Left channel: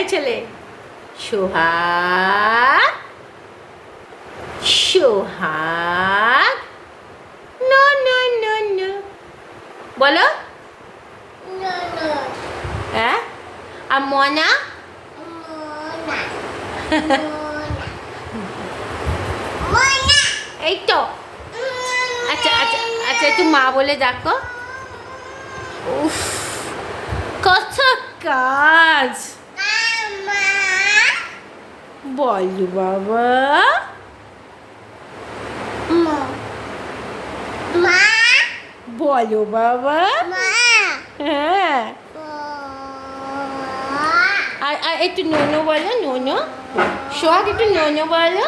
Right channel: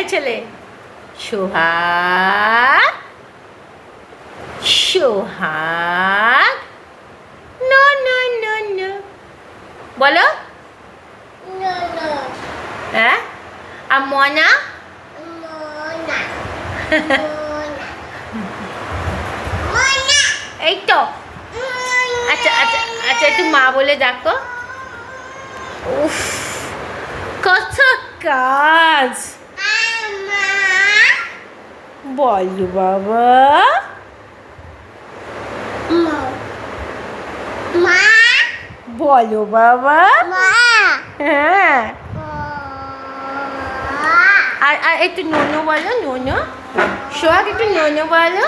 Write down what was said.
এই ছেলে সোহাগ সোহাগ no no no no বলো হ্যাঁ আর মনা এই তো আচ্ছা আচ্ছা আচ্ছা একটু মা বলে ডাকো উফ কত কাজ বলো বাবা বলো বাবা হ্যাঁ আর একটু নোনো বলো নোনো সোহাগ একটু নোনো বলো